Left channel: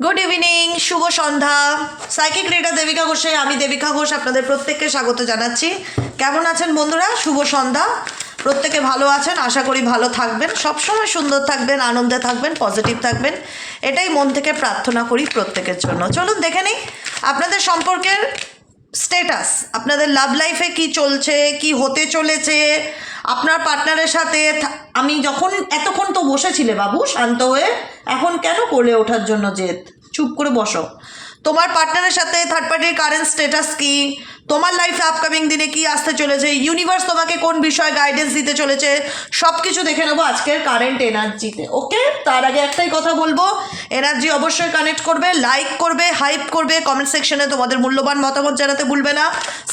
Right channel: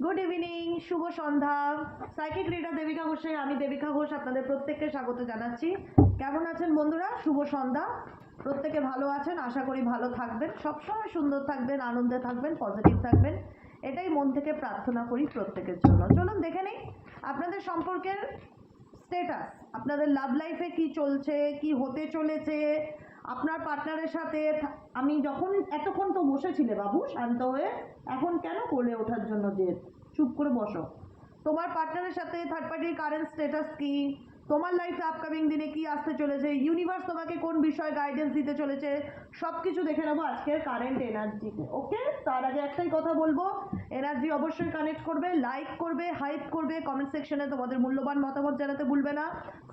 Good evening, শুভ সন্ধ্যা। Psychic reader Devika ঘোষে আমি দেবিকা ঘোষ আপনাদের প্রত্যেককে স্বাগত জানাচ্ছি। কেমন আছেন বন্ধুরা? শুভ সন্ধ্যা। প্রত্যেকে ভালো আছেন, আশা করি ভালো থাকবেন, সবসময় সুন্দর থাকবেন, আনন্দে থাকবেন, পজিটিভ থাকবেন, এটাই মন থেকে প্রার্থনা করি প্রত্যেকের জন্য। চলুন দেখে নিই আপনাদের সম্পর্কের স্টেটাস, আপনাদের লাভ লাইফে কি চলছে, কি হতে চলেছে আপনার পার্টনারের সাথে। আমি যখন এতক্ষণ তো বসেছিলে বাবু শান্ত হয়ে, এখন কেন করলে ওঠার জন্য জেদ? চুপ করে বসো। তোমার পার্টনারের সাথে থার্ড পার্টির কারেন্ট স্টেটাস কি, তোমার লাইফে আপকামিং দিনে কি আসতে চলেছে, ইউনিভার্স তোমাকে কোন বিষয়ে গাইডেন্স দিতে চলেছে, সব কিছু দেখে নেবো আজকের কারেন্ট এনার্জিতে। ওকে, তার আগে একটাই কথা বলবো, এনার্জি অবশ্যই কানেক্ট করবে, লাইক করবে, হাইপ করবে, কমেন্ট সেকশনে তোমাদের মূল্যবান মতামত জানাতে ভুলবে না,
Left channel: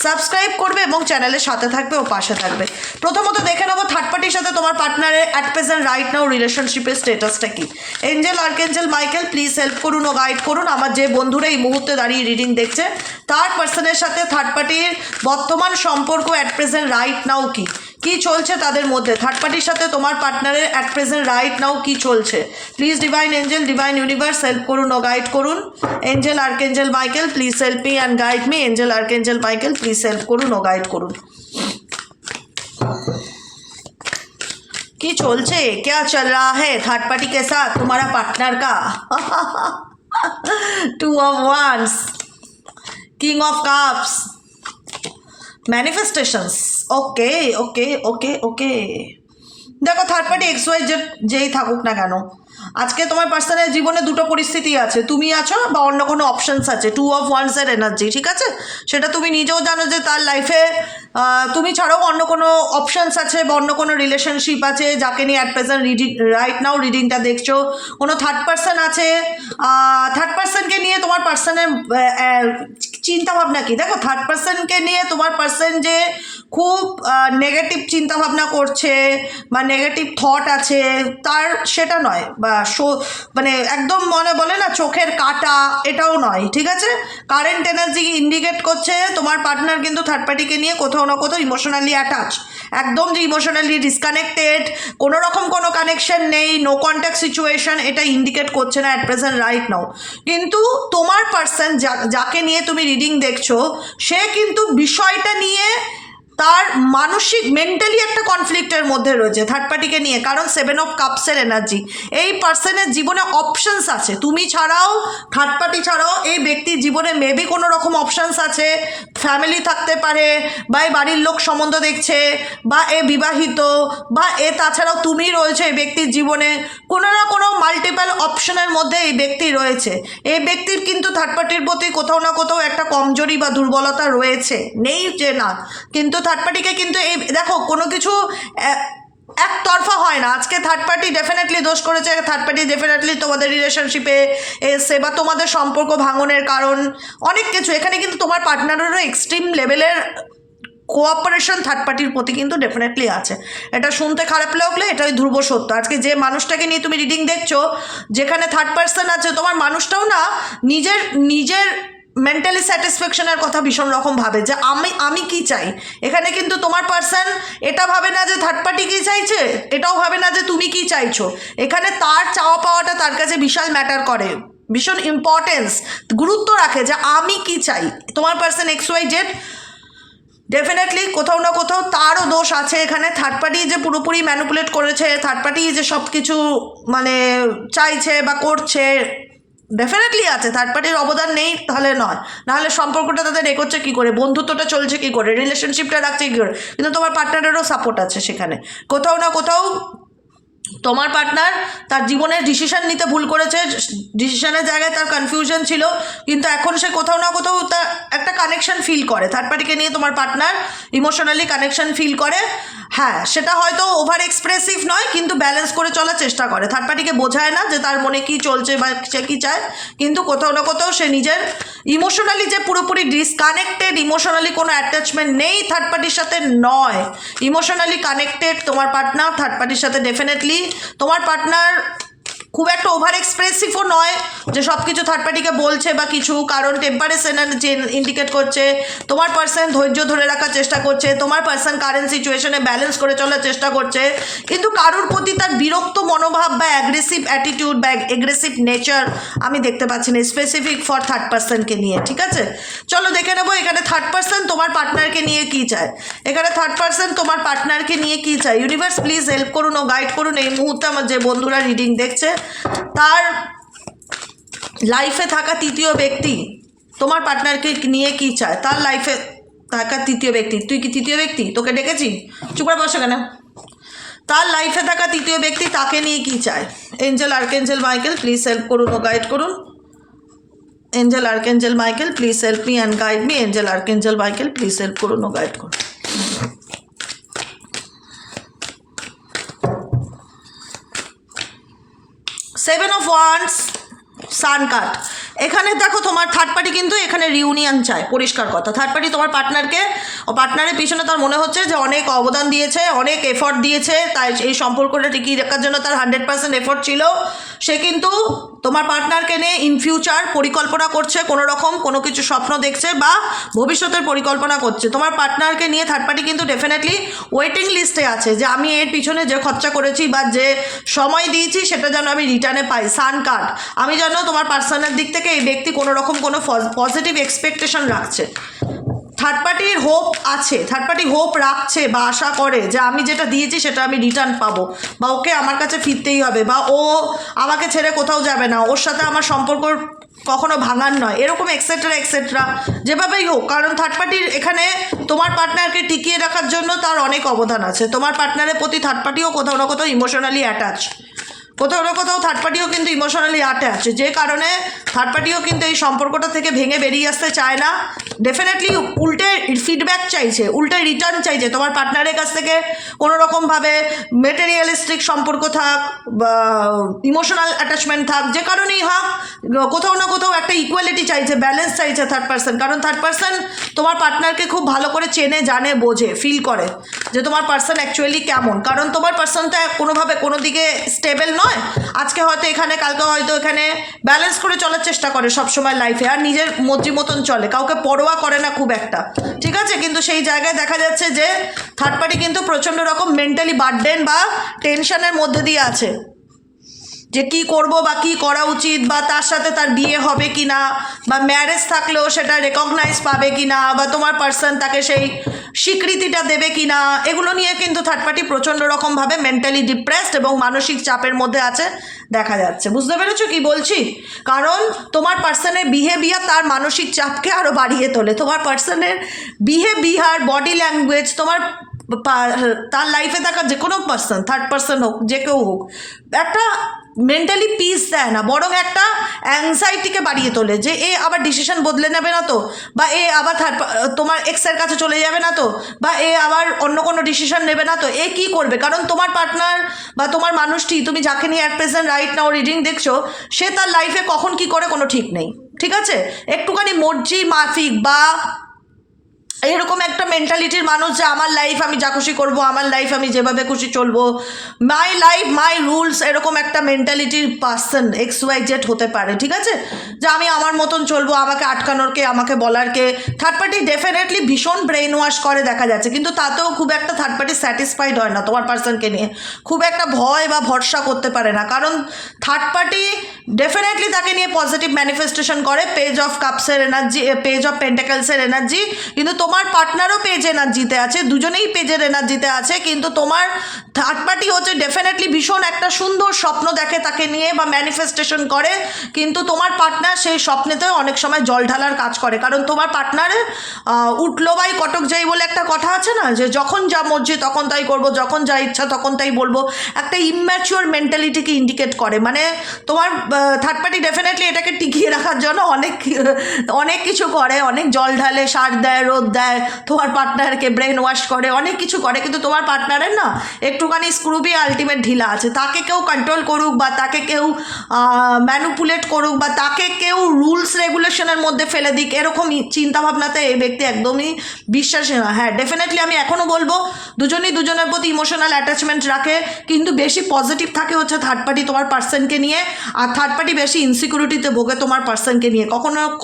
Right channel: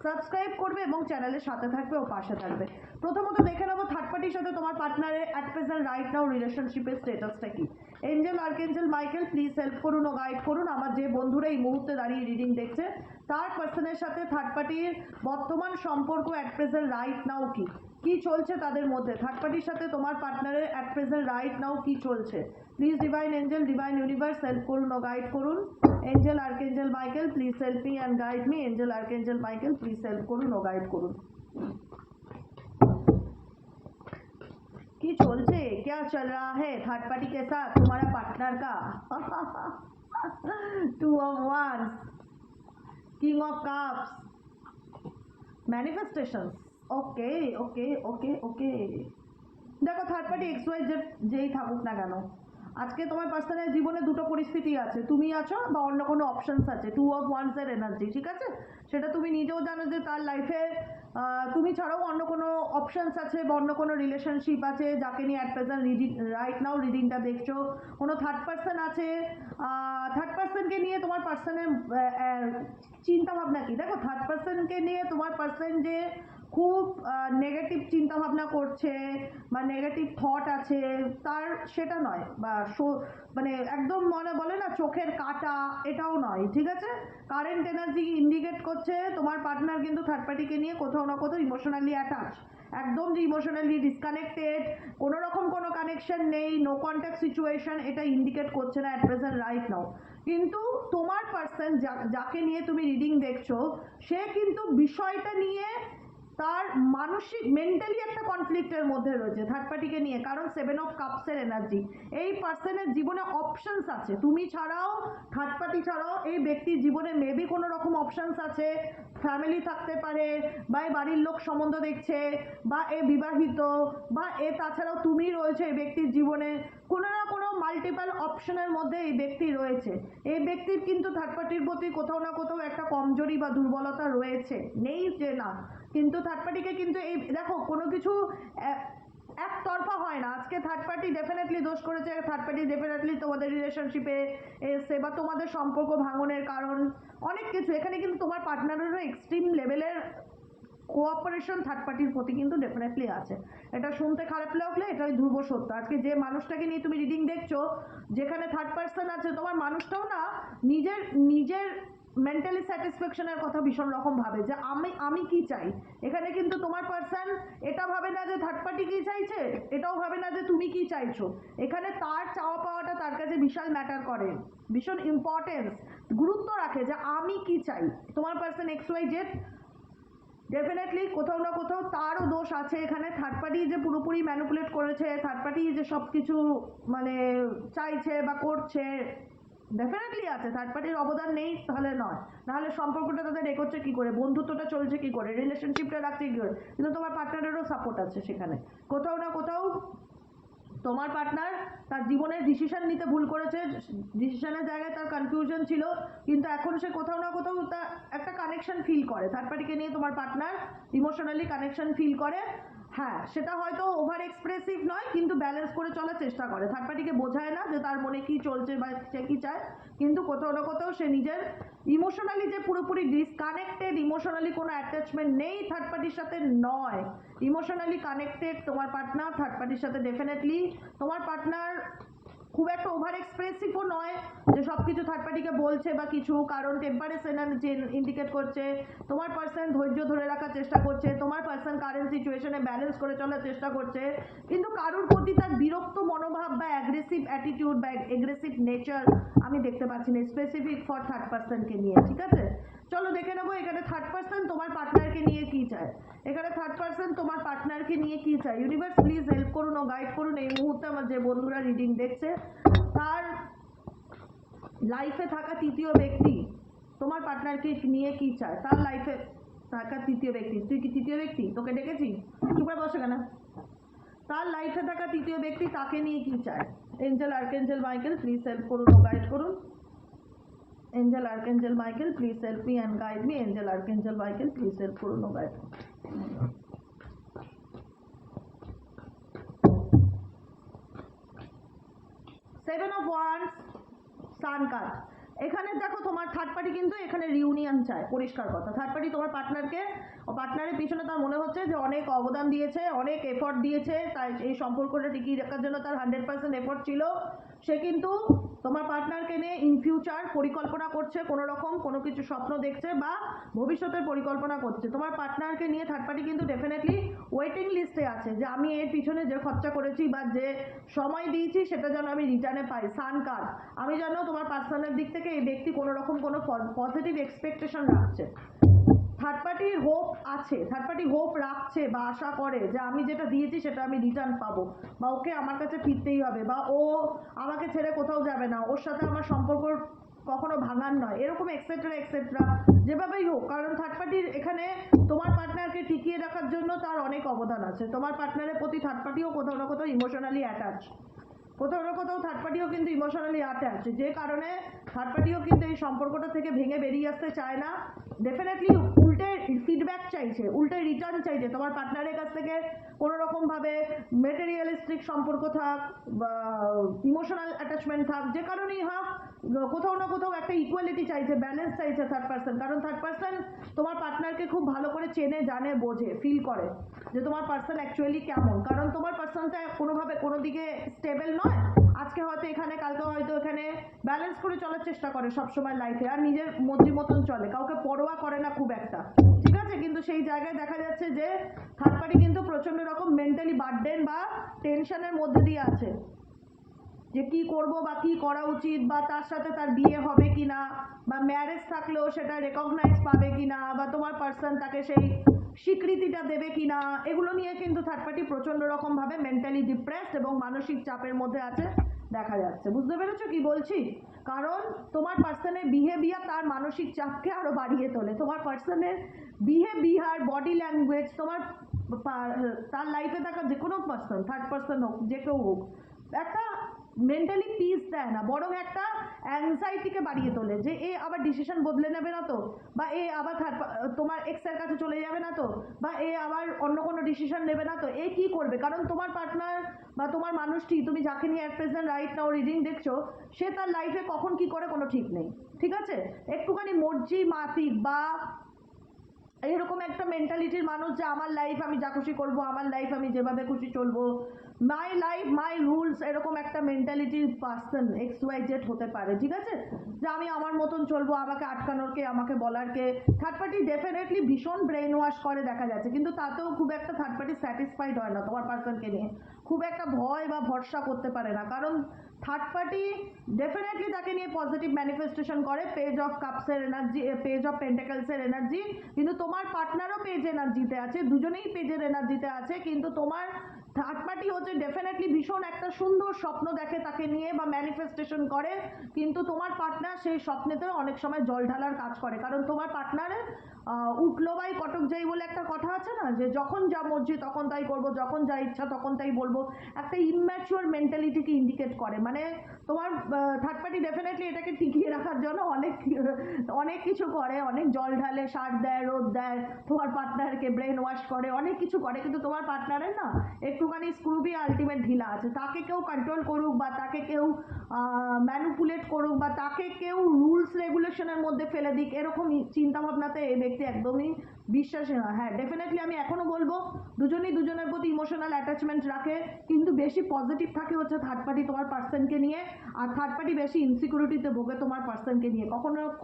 সাবস্ক্রাইব করবে এবং চ্যানেলের সাথে থাকবে ও পাশে থাকবে। প্রথমত দেখে নেবো থার্ড পার্টির সাথে তোমার পার্টনারের অ্যাট প্রেজেন্ট রাইট নাও রিলেশনশিপের স্টেটাসটা কি। এঞ্জেল, আর্কেঞ্জেল, মাইকেল প্লিজ হেল্প করুন ও গাইড করুন আমার যে বন্ধুরা এই মুহূর্তে দাঁড়িয়ে রিডিং দেখছে, থার্ড পার্সনের সাথে থার্ড পার্টির বর্তমান সম্পর্ক অ্যাট প্রেজেন্ট রাইট নাও কি, কি চলছে তাদের মধ্যে। থার্ড পার্টির সাথে তোমার পার্টনারের অ্যাট প্রেজেন্ট রাইট নাও কি চলছে। Please divine Angel, divine universe help করুন ও গাইড করুন। Angel, আর্কেঞ্জেল, Michael please help me and guide me. Angel, আর্কেঞ্জেল, Michael please help করুন ও গাইড করুন। কি চলছে, क्या चल रहा है थर्ड पार्टी के साथ तुम्हारा पार्टनर का? Two of wands, king of cups, manifestations. Okay okay okay okay, দেখো থার্ড পার্টি এক্স ওয়াই যেই থাকুক না কেন, আজকে তোমার পার্সোনাল জীবনে দুটো পরিস্থিতি আছে, তুমি আছো বা অন্য কোনো অপশানস আছে। টু অফ ওয়ান্সের এনার্জি, ঠিক আছে, সেটা তুমি নিজেও জানো যে তার লাইফে তুমি ছাড়াও অন্য কোনো অপশানস আছে বা অন্য কোনো রিলেশনশিপ আছে যাকে নিয়ে at present reading right now রিডিংটা দেখছো। কোনো থার্ড পার্সন আছে, থার্ড পার্সনকে নিয়ে তোমার পার্সনের চিন্তাভাবনা কি। দেখো থার্ড পার্সনকে নিয়ে তোমার পার্সন যে খুব নেগেটিভ চিন্তাভাবনা করছে বা নেগেটিভ থট আছে তার, সেটা নয়, বা মানে একদম মনে বলে না চোখের কাটা, এটাও নয়, ঠিক আছে। কারেন্ট এনার্জি ইন্ডিকেট করছে তোমার পার্টনার কিন্তু থার্ড পার্টিকে নিয়ে কোথাও না কোথাও ইমোশনালি অ্যাটাচ, একদম যে ইমোশনালি ডিসকানেক্টেড, কোনো রকম কোনো কানেকশন নেই, নো কন্ট্যাক্ট সিচুয়েশন, এটা ইন্ডিকেট করছে না অ্যাট প্রেজেন্ট রাইট নাও। কিন্তু তোমার পার্সন যাকে নিয়ে তুমি রিডিং দেখছো, সে কিন্তু বিষয়টা নিয়ে তার মানসিক মেন্টালি একটা কনফ্লিক্টের মধ্যে রয়েছে থার্ড পার্টিকে নিয়ে, কারণ 7 অফ কাপসের এনার্জি। এই পার্সনের জীবনে অপশানস আছে, তুমি ছাড়াও, থার্ড পার্টি ছাড়াও এই ব্যক্তির জীবনে মেবি কোনো রকম অপশানস আছে, ফ্যামিলি থাকতে পারে, বা এই বাড়ির লোক সম্বন্ধ দেখছে, বা এ বিবাহিত, বা এ তাছাড়াও তুমি রয়েছে এই ব্যক্তির জীবনে, কোনো না কোনো মাল্টিপল অপশনের মধ্যে এই ব্যক্তি রয়েছে। এই ব্যক্তির কিন্তু থার্ড পার্টির প্রতি কোথাও না কোথাও একটা কমজোরি বা দুর্বলতা রয়েছে, নেই যে না, কিন্তু থার্ড পার্টিকে কিন্তু এই দেখো কোনো কিছু একতরফা হয় না। আজকে থার্ড পার্টি ডেফিনেটলি দোষ করেছে, থার্ড পার্টি ডেফিনেটলি তোমাদের রিলেশনশিপে এসে বা তোমাদের সম্পর্ক ভাঙনের কারণ অনেক কিছু। এখানে কিন্তু তোমার পার্টনারেরও এক্সট্রিম লেভেলের কোঅপারেশন থার্ড পার্টির প্রতি কিন্তু ডেফিনেটলি আছে। এটা শুনতে খারাপ লাগলে এটাই ধ্রুব সত্য। আজকে যে মানুষটাকে নিয়ে তুমি রিডিং দেখছো, যেখানে থার্ড পার্সন আছে, তোমার মানুষটাও না নিজের নিজের মেন্টালি স্যাটিসফ্যাকশনের কথা ভীষণ রকম ভাবে যে আমি কি চাই। এখানে কিন্তু তোমার পার্সন এটা ভাবে না যে থার্ড পার্টি কী চাইছে, এটাও ভাবে না যে তুমি কি চাইছো। এখানে তার চাওয়া পাওয়াটা তার কাছে বিশাল ম্যাটার করে, ভীষণ ইম্পর্টেন্স, গুরুত্ব রাখে যে আমি কি চাই। তোমার person X Y Z definitely কোথাও না কোথাও তারও দোষ আছে এখানে। থার্ড পার্টি যে পুরোপুরি ম্যানিপুলেট করেছে, থার্ড পার্টি যে সব কিছু মানে চাইছে বা করছে, ডেফিনেটলি আছে, থার্ড পার্টির অবদান নেই তাহলে নয়, নাহলে সম্পর্কটা তাদের এগোচ্ছে কী করে, বন্ধুত্বটা চলছে কী করে, রিলেশনশিপটা রাখছে কী করে। কিন্তু তোমার পার্টনারেরও সাপোর্ট আছে সেখানে। কোথাও না কোথাও তোমার পার্টনার তার জীবনের ডিসিশন নিতে ভুল করেছে, ডিসিশনের জায়গায় তার কনফিউশন ছিল, কিন্তু এখন সে কোথাও না কোথাও তার একটা কানেকশন ফিল করে থার্ড পার্টিকে নিয়ে। তোমার পার্টনার ইমোশনালি কানেকশন ফিল করে, হ্যাঁ সেটা হয়তো ওভার এক্সপ্রেসিভ নয়, কিন্তু ব্যালেন্স করে চলার চেষ্টা করে। থার্ড পার্টিকে বোঝায় না যে তার মনে কী চলছে বা সে কী চায়, কিন্তু কোথাও না কোথাও সে নিজের ইমোশনালি যে পুরোপুরি ডিসকানেক্টেড, ইমোশনালি কোনো অ্যাটাচমেন্ট নেই থার্ড পার্টির সাথে নয়, ইমোশনালি কানেক্টেড তোমার পার্টনার থার্ড পার্টির সাথে। ডেফিনেটলি তোমার পার্টনার খুব একটা ওভার এক্সপ্রেসিভও নয়, যে সব কিছু থার্ড পার্টিকে বলছে বা কিছু, কারণ টেম্পারেচার এনার্জি ইন্ডিকেট করছে তোমার পার্সন ধৈর্য ধরে রাখার চেষ্টা করছে, তোমার পার্সন কারেন্ট সিচুয়েশনে ব্যালেন্স করে চলার চেষ্টা করছে, কিন্তু কারোর প্রতি তার বিরক্ত মনোভাব বা অ্যাগ্রেসিভ অ্যাটিটিউড বা অ্যাগ্রেসিভ নেচার আমি দেখতে পাচ্ছি না স্পেসিফিক ফর থার্ড পার্সনকে নিয়ে। ঠিক আছে, চলো দেখে নেবো এখানে থার্ড পার্সন তোমার পার্টনারকে নিয়ে কি চায়। এখানে থার্ড পার্সন তোমার পার্টনারকে নিয়ে কি চায়। ইউনিভার্স প্লিজ হেল্প করুন ও গাইড করুন এই মুহূর্তে আমার যে বন্ধুরা রিডিং দেখছে, তার লাইফে থাকা তৃতীয় ব্যক্তি তোমার পার্টনারকে নিয়ে কি চায়। তার লাইফে থাকা তৃতীয় ব্যক্তি, তুই কি তৃতীয় ব্যক্তি? তোকে ডেকেছি, চুপ করে বসে কেন? তার লাইফে থাকা তৃতীয় ব্যক্তি তাকে নিয়ে কি চায়। Angel archangel Michael please help করুন ও গাইড করুন। Angel archangel Michael please help me and guide me. Angel archangel Michael please help করুন ও গাইড করুন। 7 of Wands, সান কার্ড। এখানে দেখো তোমার থার্ড পার্টি কিন্তু এখানে রিউনিয়ন চায়, পরিষ্কার কথা। থার্ড পার্টি তোমার পার্টনারকে, পার্টনারের পিছনে তার মনে হচ্ছে যে অনেক অবদান দিয়েছে, অনেক এফর্ট দিয়েছে, তাই এই সম্পর্কটা টিকিয়ে রাখার জন্য তার 100% এফর্ট ছিল। সে কিন্তু তোমার পার্টনারকে নিয়ে ইন ফিউচার পরিকল্পনা করছে, কোনো রকম কোনো কিছু স্বপ্ন দেখছে বা ভবিষ্যতের পরিকল্পনা করছে। তোমার পার্টনারকে নিয়ে থার্ড পার্টি কিন্তু ডেফিনেটলি ওয়েটিং লিস্টে আছে যে আমি এর পিছনে যে খরচা করেছি বা যে সময় দিয়েছি সেটা যেন আমি রিটার্নে পাই। সান কার্ড, আমি যেন তোমার পার্সোনাল দিক থেকে এই ব্যক্তি কোনো রকম কোনো পজিটিভ এক্সপেকটেশন রাখছে। থার্ড পার্টির হোপ আছে, থার্ড পার্টি হোপ রাখছে বা আশা করে যে আমি যেটা দিয়েছি সেটা আমি রিটার্ন পাবো, বা ওকে আমার কাছে ফিরতেই হবে, বা ও আমাকে ছেড়ে কোথাও যাবে না, ওর সাথে আমার সম্পর্ক কখনো ভাঙার নয়, এরকম এক্সেট্রা এক্সেট্রা যেভাবেই হোক। কারণ থার্ড পার্টির এখানে তোমার পার্টনারকে টিকিয়ে রাখার জন্য তার অনেক অবদান আছে। তোমার পার্টনারের প্রতি থার্ড পার্টিও কোথাও না কোথাও ইমোশনালি অ্যাটাচ, কোথাও না কোথাও থার্ড পার্টিও কিন্তু ইমোশনালি অ্যাটাচ, যে কারণে থার্ড পার্টিও কিন্তু এই সম্পর্কটা থেকে ভেঙে বেরিয়ে আসতে চায় না। ডেফিনেটলি উল্টে ফিডব্যাক চাইছে, উল্টে রিটার্ন চাইছে তোমার পার্টনারের কাছ থেকে। কোনো রকমভাবে মেটেরিয়ালিস্টিক সম্পর্ক থাক বা ইমোশনাল অ্যাটাচমেন্ট থাক, যে কারণেই হোক, কোথাও না কোথাও একটা ইকুয়ালিটি চাইছে, ব্যালেন্স চাইছে থার্ড পার্সন। কারণ থার্ড পার্সন তোমার পার্টনারকে খুব ভালো করে চেনে, জানে, বোঝে, ফিল করে যে তোমার পার্সন অ্যাকচুয়ালি কেমন। কারণ তোমার পার্সনটা কোনোভাবে কোনো দিকে স্টেবল নয়, আজকে হয়তো এখানে, কালকে হয়তো এখানে, ব্যালেন্স করে চলার চেষ্টা করে সবসময় লাইফে, আর নিজের মর্জি মতন চলে, কাউকে পরোয়া করে না খুব একটা। ঠিক আছে, কিন্তু সেই জায়গায় দেখা যাচ্ছে যে থার্ড পার্টি কিন্তু প্রচণ্ড রকম মেন্টালি বার্ডেন বা টেনশনের মধ্যে দিয়ে আছে, যে কি করব বা কি করা উচিত, বা তার সাথে তার বিয়ে হবে কি না, বা ম্যারেজ থাকলেও সেটা রেকগনাইজ পাবে কি না, বা তোমার পার্সন তাকে সেই স্বীকৃতিটা দেবে কি না, এগুলো নিয়ে কিন্তু থার্ড পার্টি প্রচণ্ড রকমভাবে মেন্টালি ডিপ্রেসড এবং মানসিক চাপের মধ্যে আছে দেখা যাচ্ছে। বুঝতে পেরেছো কি বলছি? কারণ তোমার পার্সনের বিহেভিয়ার তার মানসিক চাপকে আরও বাড়িয়ে তোলে। তোমার পার্সনের বিহেভিয়ার, বডি ল্যাঙ্গুয়েজ, তোমার তার লাইফে থাকা যে কোনো পার্সন, থার্ড পার্সন হোক, যে কেউ হোক, একটা মেন্টালি পিস দেয় না, বরং একটা অ্যাংজাইটিকে বাড়িয়ে তোলে, যে এ আবার ডিসিশন বদলে নেবে না তো, বা এ আবার তোমার এক্সের কাছে চলে যাবে না তো, বা এ আবার অন্য কোনো ডিসিশন নেবে না তো, এ কি করবে? কারণ তোমার পার্টনার বা তোমার মানুষটি, তুমি যাকে নিয়ে at present right now reading দেখছো, সে তার লাইফে কখন কি করে কোনো ঠিক নেই। ঠিক আছে, একটুখানি মর্জি মাফিক বা এরকম একটা মেন্টালিটির মানুষ, যে আমার লাইফ আমি যা খুশি করবো, আমার লাইফ আমি যেভাবে খুশি চলবো, মাই লাইফ মাই রুলস, এরকম একটা মেন্টালিটির পার্সন XYZ হতে পারে। ঠিক আছে, যে আমি আমার মতন চলবো, আমাকে আটকানোর কে, আমাকে বলার কে। থার্ড পার্টি ডেফিনেটলি ভীষণ ব্রেন ওয়াশ করে দেখা যাচ্ছে, কিন্তু তাতেও খুব একটা থার্ড পার্টি স্যাটিসফাইড হয় না তোমার পার্সনকে নিয়ে, খুব একটা ভয় বা ভরসা করতে পারে না। কারণ থার্ড পার্টি ডেফিনেটলি তাকে নিয়ে পজিটিভ ম্যানিফেস্টেশন করে, পেজ অফ কাপসের এনার্জি, পেজ অফ পেন্টাকেলসের এনার্জি, কিন্তু তোমার পার্টনারও পেজ এনার্জিতে আছে, দুজনেই পেজের এনার্জিতে আছে। কিন্তু তোমার থার্ড পার্টি হচ্ছে ডেফিনেটলি ভীষণ একটা সুন্দর স্বপ্ন দেখে তাকে নিয়ে বা ম্যানিফেস্টেশন করে, কিন্তু তোমার পার্টনার সেই স্বপ্নেতে অনেক সময় জল ঢালার কাজ করে। কারণ তোমার পার্টনারে উঠলো বাই কটক যাই বলে একটা কথা আছে না, যে যখন যা মর্জি তখন তাই করব, যখন যা ইচ্ছা তখন তাই বলবো, একটা ইম্যাচিওর মেন্টালিটিকে ইন্ডিকেট করে। মানে তোমার থার্ড পার্টি ডেফিনেটলি এটাকে টিকিয়ে রাখার জন্য অনেক কিছু করে, অনেক জল ঢালে, সার দেয়, রোদ দেয়, তোমার পার্টনারকে ব্রেন ওয়াশ করে, অনেক কিছু করে, কিন্তু তোমার পার্টনারের না একটু একটুখানি স্ক্রুবি আলটিমেট ঢিলা আছে, তাকে কেউ কন্ট্রোল করুক বা তাকে কেউ ম্যানুপুলেট করুক বা তাকে কেউ রুলস রেগুলেশনের মধ্যে ফেলে দিক, এরকম চিন্তাভাবনাতে এই ব্যক্তি একদমই বিশ্বাসী নয়। হ্যাঁ, ডেফিনেটলি আমি এখনও বলবো দুজনই দুজনের প্রতি ইমোশনাল অ্যাটাচমেন্ট রাখে, কিন্তু বেশি পজিটিভ থাকে হচ্ছে থার্ড পার্টি তোমার পার্সনকে নিয়ে, আর থার্ড পার্টি বেশি ইনসিকিউরিটিতে ভোগে তোমার পার্সনকে নিয়ে।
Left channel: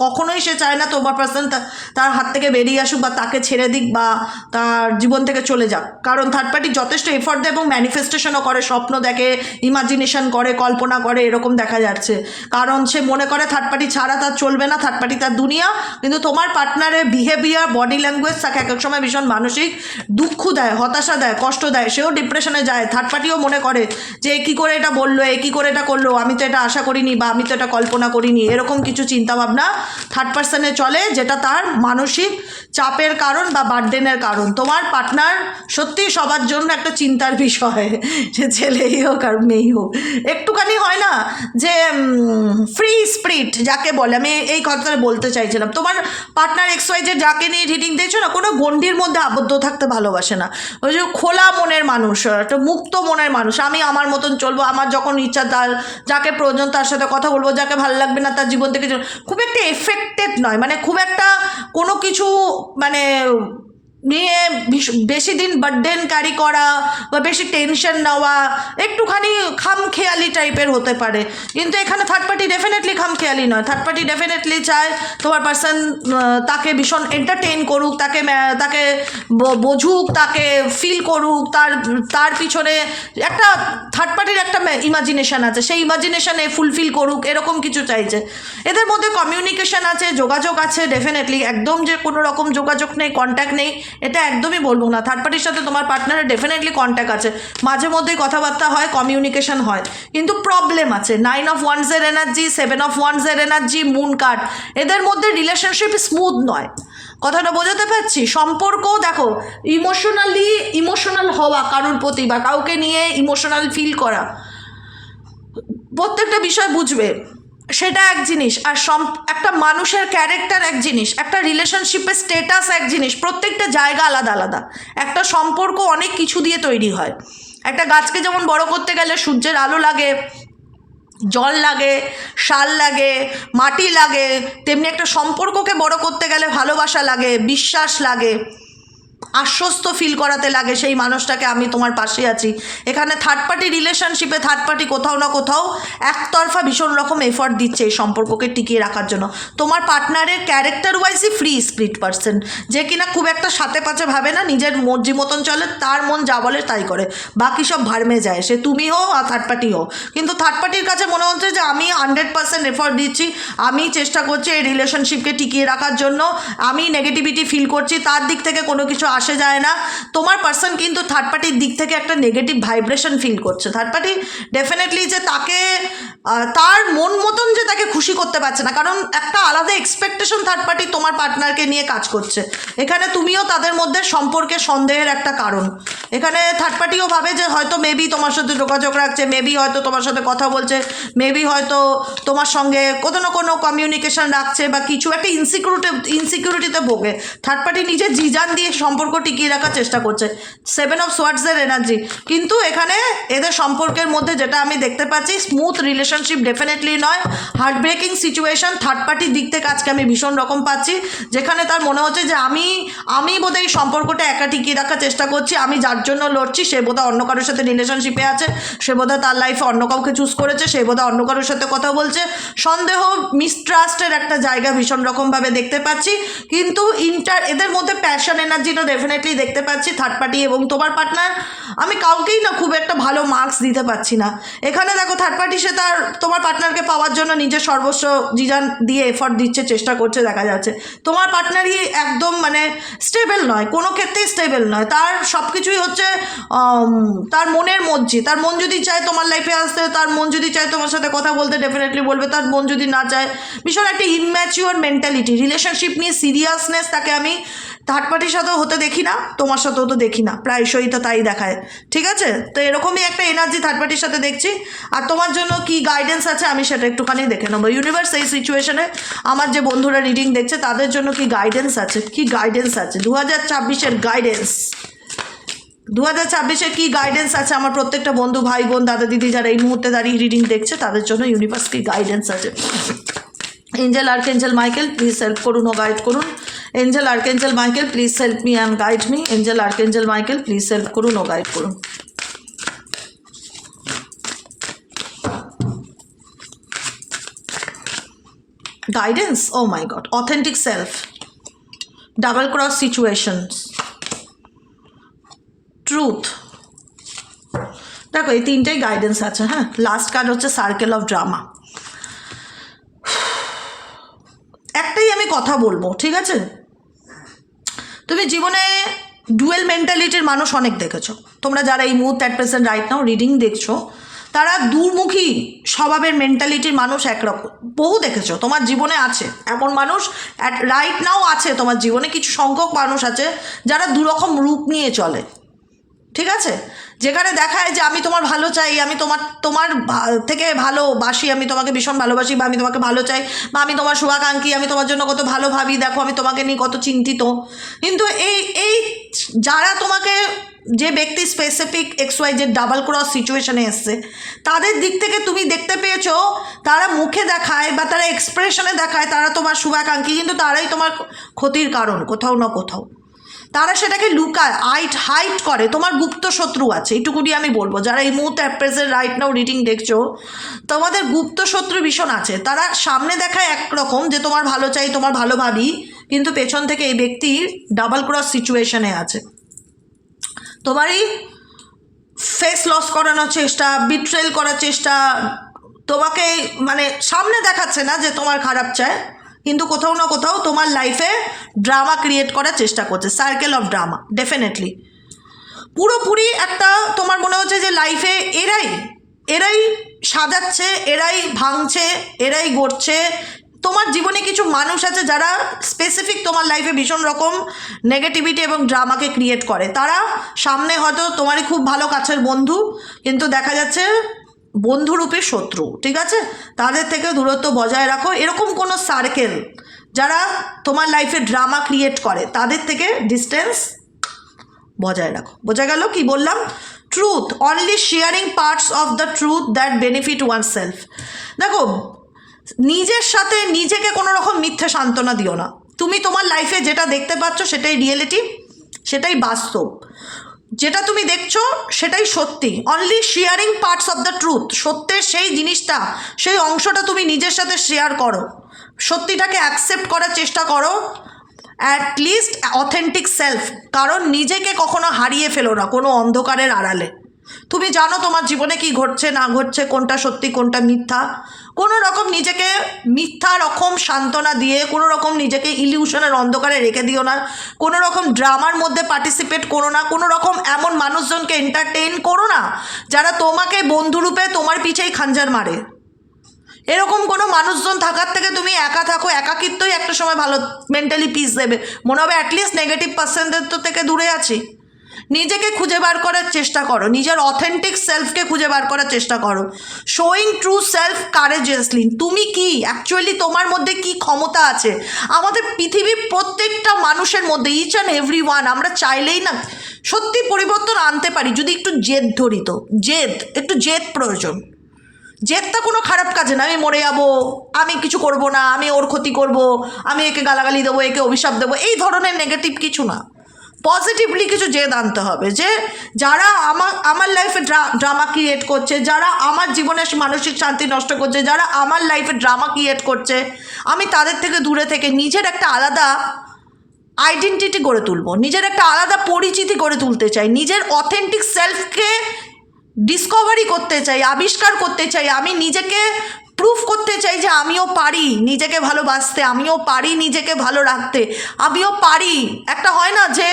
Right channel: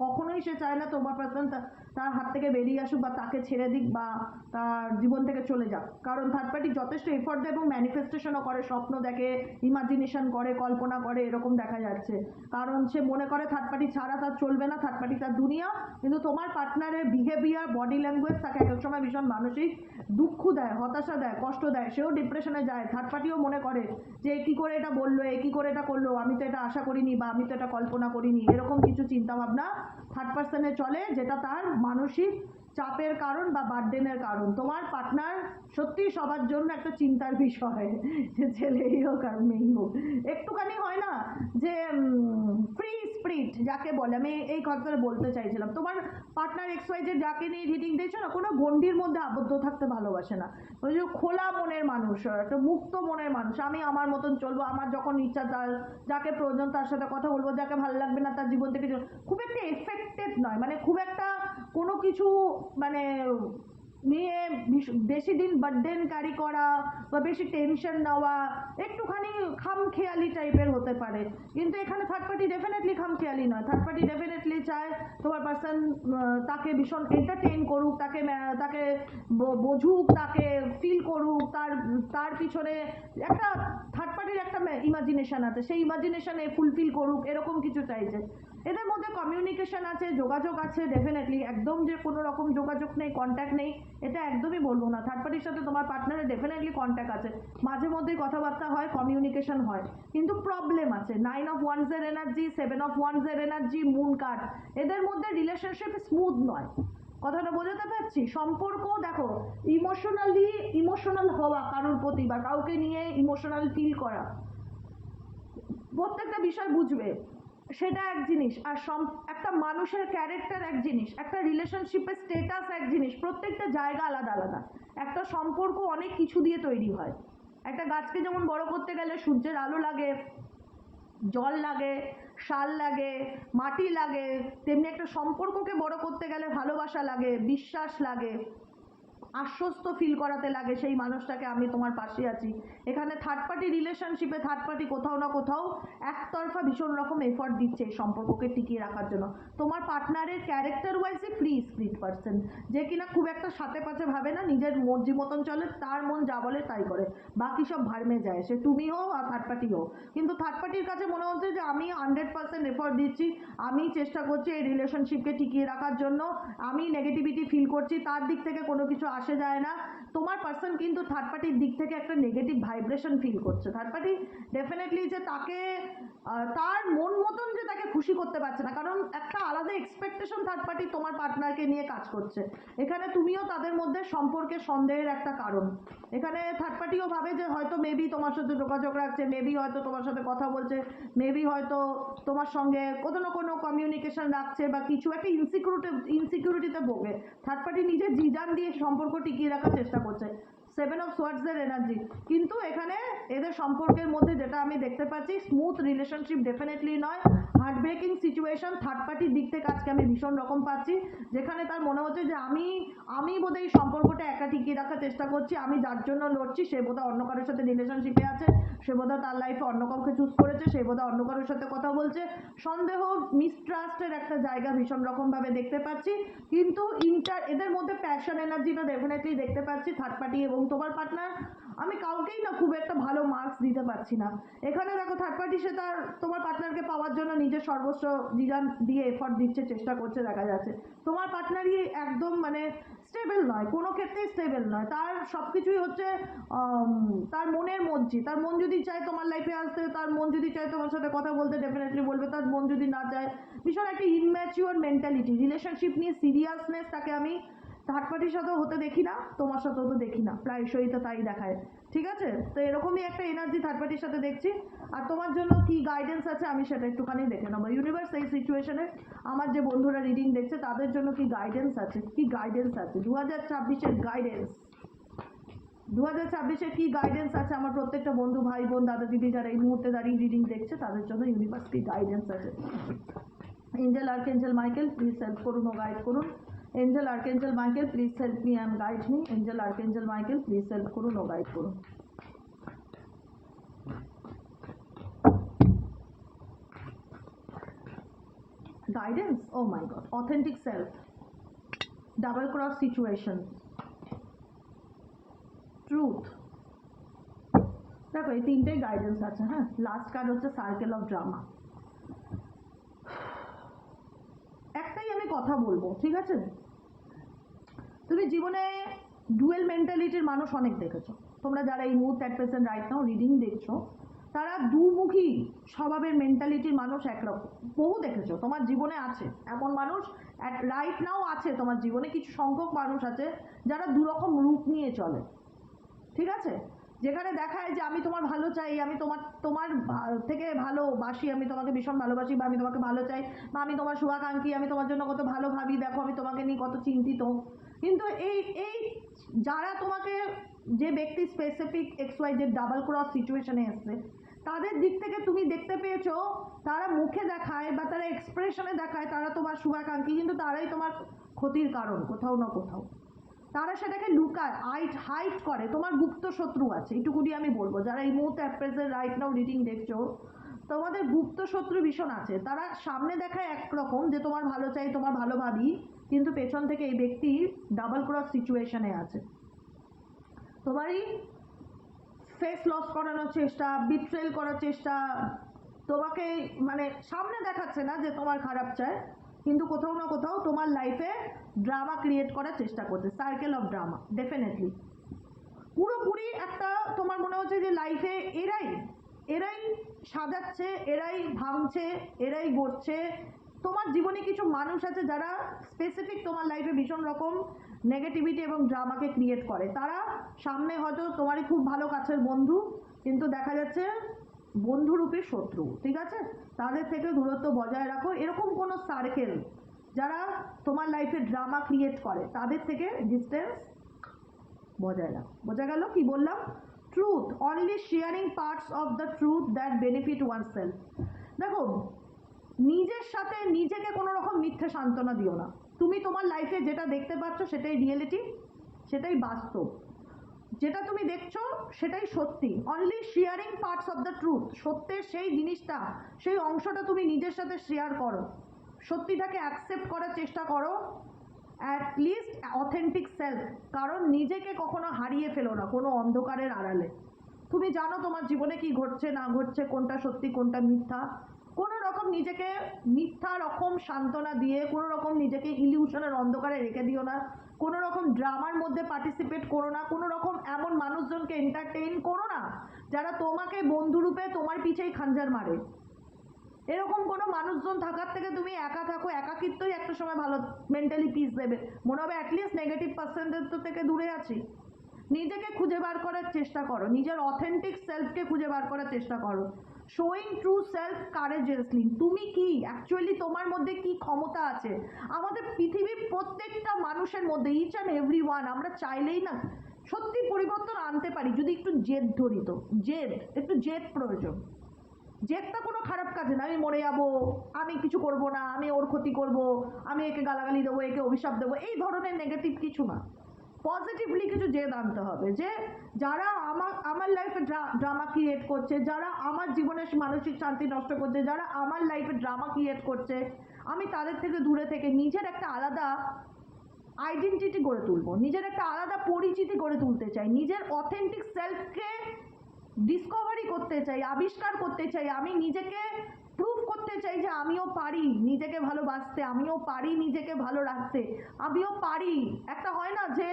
কখনোই সে চায় না তোমার পার্সন তার হাত থেকে বেরিয়ে আসুক বা তাকে ছেড়ে দিক বা তার জীবন থেকে চলে যাক, কারণ থার্ড পার্টি যথেষ্ট এফর্ট দেয় এবং ম্যানিফেস্টেশনও করে, স্বপ্ন দেখে, ইমাজিনেশন করে, কল্পনা করে, এরকম দেখা যাচ্ছে। কারণ সে মনে করে থার্ড পার্টি ছাড়া তার চলবে না, থার্ড পার্টি তার দুনিয়া। কিন্তু তোমার পার্টনারের বিহেভিয়ার, বডি ল্যাঙ্গুয়েজ তাকে এক এক সময় ভীষণ মানসিক দুঃখ দেয়, হতাশা দেয়, কষ্ট দেয়, সেও ডিপ্রেশনে যায়। থার্ড পার্টিও মনে করে যে কী করে এটা বললো, কী করে এটা করলো, আমি তো এটা আশা করিনি বা আমি তো এটা কল্পনা করিনি, এরকম কিছু চিন্তাভাবনা থার্ড পার্সনে চলে, যেটা তার মানসিক চাপের কারণ বা বার্ডেনের কারণ। তোমার পার্টনার সত্যিই সবার জন্য একটা চিন্তার বিষয়, সে ছেলেই হোক আর মেয়েই হোক। একটুখানি হয় না যে ফ্রি স্পিরিট যাকে বলে, আমি এই কথাটা বলতে চাইছিলাম। তোমার পার্টনার XY যে যাকে নিয়ে রিডিং দিয়েছো না, কোনো গণ্ডির মধ্যে আবদ্ধ থাকতে ভালোবাসে না। ওই যে খোলা মনের মানুষ, একটা মুক্ত মনের মানুষ, আমি আমার মতন চলবো, আমার যখন ইচ্ছা তার যাকে প্রয়োজন তার সাথে কথা বলবো, যাকে ভালো লাগবে না তার জীবন থেকে খুব একটা এফেক্টেড নয়, মানে খুব একটা কোনো কিছু মানে নিয়ে বেশি দিন বার্ডেন ক্যারি করা বা বেশি টেনশন নেওয়া, একটুখানি খামখেয়ালি টাইপের হতে পারে। কিন্তু এখানে থার্ড পার্টি ডেফিনেটলি খামখেয়ালি নয়, থার্ড পার্টি ডেফিনেটলি চায় তোমার পার্সন তাকে ভীষণ এন্টারটেইন করুক, তাকে বোঝুক, তাকে ফিল করুক, তার পিছনে একটা থার্ড পার্টির একটা ইমাজিনেশন আছে, সেই ইমাজিনেশনে ফুলফিল করুক, এরকম কিছু চাইছে। এদের মধ্যে কমিউনিকেশন আছে, যোগাযোগ আছে ডেফিনেটলি, একদম যে কোনো রকম যোগাযোগ নেই, কন্ট্যাক্ট নেই এটা একদমই বলবো না। থার্ড পার্টির সাথে তোমার পার্টনারের ডেফিনেটলি কন্ট্যাক্ট আছে, মাঝে মধ্যেই কথাবার্তা হয়, কমিউনিকেশন হয়, কিন্তু প্রবলেম আছে। 9 অফ ওয়ান্সের এনার্জি, 7 অফ ওয়ান্সের এনার্জি, মুন কার্ড, এদের মধ্যে রিলেশনশিপ স্মুথ নয়। কথাটা বোঝাতে পারছি? সম্পর্ক দেখো, ইমোশনাল হওয়া কারোর প্রতি বা কাউকে নিয়ে ইমোশনাল ফিল করা, প্রত্যেকটা বিষয় বুঝবে, সেটা এক জিনিস। আর একটা মানুষের ক্যারেক্টার এক জিনিস, একটা রিলেশনশিপের স্টেটাস এক জিনিস, প্রত্যেকটা জায়গা আলাদা আলাদা। একটা সম্পর্ক অনেক কিছু দিয়ে তৈরি হয়। একটা গাছকে যেমন বড় করতে গেলে সূর্যের আলো লাগে, জল লাগে, সার লাগে, মাটি লাগে, তেমনি একটা সম্পর্ককে বড় করতে গেলে ভালোবাসা লাগে, বিশ্বাস লাগে, আশ্বস্ত ফিল করাতে লাগে সেই মানুষটাকে আমি তোমার পাশে আছি। এখানে থার্ড পার্টি রিলেশনশিপে থার্ড পার্টি কোথাও না কোথাও একতরফা ভীষণ রকম এফর্ট দিচ্ছে এই সম্পর্ককে টিকিয়ে রাখার জন্য। তোমার পার্টনারের ক্যারেক্টার ওয়াইজই ফ্রি স্পিরিট পার্সন, যে কিনা খুব একটা সাথে পাচে ভাবে না, নিজের মর্জি মতন চলে, তার মন যা বলে তাই করে, বাকি সব ভাড়মে যায়, সে তুমি হো আর থার্ড পার্টি হো। কিন্তু থার্ড পার্টির কাছে মনে হচ্ছে যে আমি 100% এফর্ট দিচ্ছি, আমি চেষ্টা করছি এই রিলেশনশিপকে টিকিয়ে রাখার জন্য, আমি নেগেটিভিটি ফিল করছি, তার দিক থেকে কোনো কিছু আসে যায় না। তোমার পার্সন কিন্তু থার্ড পার্টির দিক থেকে একটা নেগেটিভ ভাইব্রেশন ফিল করছে। থার্ড পার্টি ডেফিনেটলি যে তাকে তার মন মতন যে তাকে খুশি করতে পারছে না, কারণ একটা আলাদা এক্সপেকটেশন থার্ড পার্টি তোমার পার্টনারকে নিয়ে কাজ করছে। এখানে তুমিও তাদের মধ্যে সম্পর্কে সন্দেহের একটা কারণ। এখানে থার্ড পার্টিও ভাবে যে হয়তো মেবি তোমার সাথে যোগাযোগ রাখছে, মেবি হয়তো তোমার সাথে কথা বলছে, মেবি হয়তো তোমার সঙ্গে কোনো না কোনো কমিউনিকেশন রাখছে বা কিছু একটা ইনসিকিউরিটিতে ভোগে। থার্ড পার্টি নিজের জিজান দিয়ে সম্পর্ক টিকিয়ে রাখার চেষ্টা করছে। 7 অফ সোয়ার্ডসের এনার্জি, কিন্তু এখানে এদের সম্পর্কের মধ্যে যেটা আমি দেখতে পাচ্ছি, স্মুথ রিলেশনশিপ ডেফিনেটলি নয়, হার্ট ব্রেকিং সিচুয়েশন থার্ড পার্টির দিক থেকে আজকে আমি ভীষণ রকম পাচ্ছি, যেখানে তার মনে হচ্ছে যে আমি বোধহয় এই সম্পর্কটা একা টিকিয়ে রাখার চেষ্টা করছি, আমি যার জন্য লড়ছি সে বোধহয় অন্য কারোর সাথে রিলেশনশিপে আছে, সে বোধহয় তার লাইফে অন্য কাউকে চুজ করেছে, সে বোধহয় অন্য কারোর সাথে কথা বলছে। সন্দেহ, মিসট্রাস্টের একটা জায়গা ভীষণ রকমভাবে দেখতে পাচ্ছি, কিন্তু এদের মধ্যে প্যাশন এনার্জিটা ডেফিনেটলি দেখতে পাচ্ছি থার্ড পার্টি এবং তোমার পার্টনার। আমি কাউকেই না খুব একটা ভালো মার্কস দিতে পারছি না। এখানে দেখো থার্ড পার্টি সে তোমার পার্টনারকে পাওয়ার জন্য নিজের সর্বস্ব জিজান দিয়ে এফর্ট দিচ্ছে, চেষ্টা করছে, দেখা যাচ্ছে। তোমার পার্টনারই একদম মানে স্টেবল নয়, কোনো ক্ষেত্রেই স্টেবল নয়, তার সব কিছুই হচ্ছে তার মনের মর্জি। তার মন যদি চায় তোমার লাইফে আসতে, তার মন যদি চায় তোমার সাথে কথা বলতে, ডেফিনেটলি বলবে, তার মন যদি না চায়, ভীষণ একটা ইনম্যাচিওর মেন্টালিটি, রিলেশনশিপ নিয়ে সিরিয়াসনেস তাকে আমি থার্ড পার্টির সাথেও হতে দেখি না, তোমার সাথেও তো দেখি না, প্রায়শই তো তাই দেখায়। ঠিক আছে, তো এরকমই একটা এনার্জি থার্ড পার্টির সাথে দেখছি। আর তোমার জন্য কি গাইডেন্স আছে আমি সেটা একটুখানি দেখে নেবো। ইউনিভার্স এই সিচুয়েশনে আমার যে বন্ধুরা রিডিং দেখছে তাদের জন্য কি গাইডেন্স আছে, 2024-এর গাইডেন্স। 2026-এ কী গাইডেন্স আছে আমার প্রত্যেকটা বন্ধু, ভাই বোন, দাদা দিদি যারা এই মুহূর্তে দাঁড়িয়ে রিডিং দেখছে তাদের জন্য ইউনিভার্স কি গাইডেন্স আছে? Angel archangel Michael please help করুন ও গাইড করুন। Angel archangel Michael please help me and guide me. Angel archangel Michael please help করুন ও গাইড করুন। Guidance, oh my God, authentic self, double cross situations, truth. দেখো এই তিনটেই guidance আছে। হ্যাঁ, লাস্ট কার্ড হচ্ছে সার্কেল অফ ড্রামা। একটাই আমি কথা বলবো, ঠিক আছে? তুমি জীবনে ডুয়েল মেন্টালিটির মানুষ অনেক দেখেছো। তোমরা যারা এই মুহূর্তে at present right now reading দেখছো, তারা দুর্মুখী স্বভাবের মেন্টালিটির মানুষ একরকম বহু দেখেছো। তোমার জীবনে আছে এমন মানুষ, অ্যাট রাইট নাও আছে তোমার জীবনে কিছু সংখ্যক মানুষ আছে যারা দুরকম রূপ নিয়ে চলে, ঠিক আছে? যেখানে দেখায় যে আমি তোমার ভালো চাই, আমি তোমার থেকে ভালোবাসি, আমি তোমাকে ভীষণ ভালোবাসি, বা আমি তোমাকে ভালো চাই, বা আমি তোমার শুভাকাঙ্ক্ষী, আমি তোমার জন্য কত ভালো ভাবি, দেখো আমি তোমাকে নিয়ে কত চিন্তিত। কিন্তু এই যারা তোমাকে, যে ব্যক্তি স্পেসিফিক XY যে ডাবল ক্রস সিচুয়েশনে এসছে, তাদের দিক থেকে তুমি দেখতে পেয়েছো তারা মুখে দেখায় বা তারা এক্সপ্রেশনে দেখায় তারা তোমার শুভাকাঙ্ক্ষী, কিন্তু তারাই তোমার ক্ষতির কারণ কোথাও না কোথাও। তারা সেটাকে লুকায়, হাইট করে। তোমার গুপ্ত শত্রু আছে, এইটুকুনি আমি বলবো। যারা এই মুহূর্তে প্রেজেন্ট রাইট নাও রিডিং দেখছো, তোমাদের গুপ্ত শত্রু ভীষণ আছে। তারা সামনে দেখায় একরকম যে তোমার ভালো চাই, তোমার ভালো ভাবি, কিন্তু পেছন থেকে এই ব্যক্তি ডাবল ক্রস সিচুয়েশনে আছে। তোমারই ফেস লস করানোর চেষ্টা, বিট্রেল করার চেষ্টা, তোমাকে মানে সামনে দেখাচ্ছে না যে তোমার খারাপ চায়, কিন্তু কোথাও না কোথাও তোমার লাইফে ড্রামা ক্রিয়েট করার চেষ্টা করছে। সার্কেল অফ ড্রামা ডেফিনেটলি পুরোপুরি একটা, তোমার মনে হচ্ছে যে লাইফে এরাই সাজাচ্ছে, এরাই ভাঙছে, এরাই গড়ছে। তোমার জীবনে কিছু মানুষ আছে যারা স্পেসিফিক তোমার লাইফে ভীষণ রকম নেগেটিভিটি এবং ড্রামাকে ক্রিয়েট করে। তারা সামনে হয়তো তোমারই খুব ভালো কাছের বন্ধু, কিন্তু দেখা যাচ্ছে বন্ধুরূপে শত্রু, ঠিক আছে? তাদের থেকে দূরত্ব বজায় রাখো। এরকম কোনো সার্কেল যারা তোমার লাইফে ড্রামা ক্রিয়েট করে, তাদের থেকে ডিস্টেন্স বজায় রাখো। বোঝা গেল কি বললাম? Truth, only sharing parts of the truth that benefit one self. দেখো, নিজের সাথে নিজেকে কোনো রকম মিথ্যে সান্ত্বনা দিও না। তুমি তোমার লাইফে যেটা দেখতে পাচ্ছ সেটাই রিয়েলিটি, সেটাই বাস্তব। যেটা তুমি দেখছো সেটাই সত্যি। Only sharing parts of the truth, সত্যের সেই জিনিসটা, সেই অংশটা তুমি নিজের সাথে শেয়ার করো। সত্যিটাকে অ্যাকসেপ্ট করার চেষ্টা করো, অ্যাটলিস্ট অথেন্টিক সেলফ। কারণ নিজেকে কখনো হারিয়ে ফেলো না কোনো অন্ধকারের আড়ালে। তুমি জানো তোমার জীবনে কি ঘটছে না ঘটছে, কোনটা সত্যি কোনটা মিথ্যা। কোনো রকম নিজেকে মিথ্যা রকম সান্ত্বনা দিয়ে, কোনো রকম নিজেকে ইলিউশনের অন্ধকারে রেখে দিও না। কোনো রকম ড্রামার মধ্যে পার্টিসিপেট করো না। কোনো রকম এমন মানুষজনকে এন্টারটেইন করো না যারা তোমাকে বন্ধুরূপে তোমার পিছেই খাঞ্জার মারে। এরকম কোনো মানুষজন থাকার থেকে তুমি একা থাকো। একাকিত্বই একটা সময় ভালো মেন্টালি পিস দেবে। মনে হবে অ্যাটলিস্ট নেগেটিভ পার্সনদের তো থেকে দূরে আছি। নিজেকে খুঁজে বার করার চেষ্টা করো, নিজের অথেন্টিক সেলফকে খুঁজে বার করার চেষ্টা করো। Showing true self কারেজিয়াসলি। তুমি কি অ্যাকচুয়ালি, তোমার মধ্যে কি ক্ষমতা আছে? আমাদের পৃথিবীর প্রত্যেকটা মানুষের মধ্যে, ইচ অ্যান্ড এভরি ওয়ান, আমরা চাইলেই না সত্যি পরিবর্তন আনতে পারি যদি একটু জেদ ধরি। তো একটু জেদ প্রয়োজন। জেদটা কোনো খারাপ কাজে না। আমি মরে যাবো, আমি কিছু করব না, আমি ওর ক্ষতি করব, আমি একে গালাগালি দেবো, একে অভিশাপ দেবো, এই ধরনের নেগেটিভ কিছু না। পজিটিভলি কিছু জেদ আনতে হবে যে যারা আমার লাইফে ড্রামা ক্রিয়েট করছে, যারা আমার জীবনের মানসিক শান্তি নষ্ট করছে, যারা আমার লাইফে ড্রামা ক্রিয়েট করছে, আমি তাদের থেকে দূরে থেকে নিজের একটা আলাদা আইডেন্টিটি গড়ে তুলব, নিজের একটা আলাদা পরিচিতি গড়ে তুলতে চাই, নিজের অথেন্টিক সেলফকে ডিসকভারি করতে চাই, আবিষ্কার করতে চাই। আমি নিজেকে প্রুফ করতে চাই যে আমিও পারি নিজেকে ভালোবাসতে, আমিও পারি নিজেকে ভালো রাখতে, আমিও পারি। একটা হয় না যে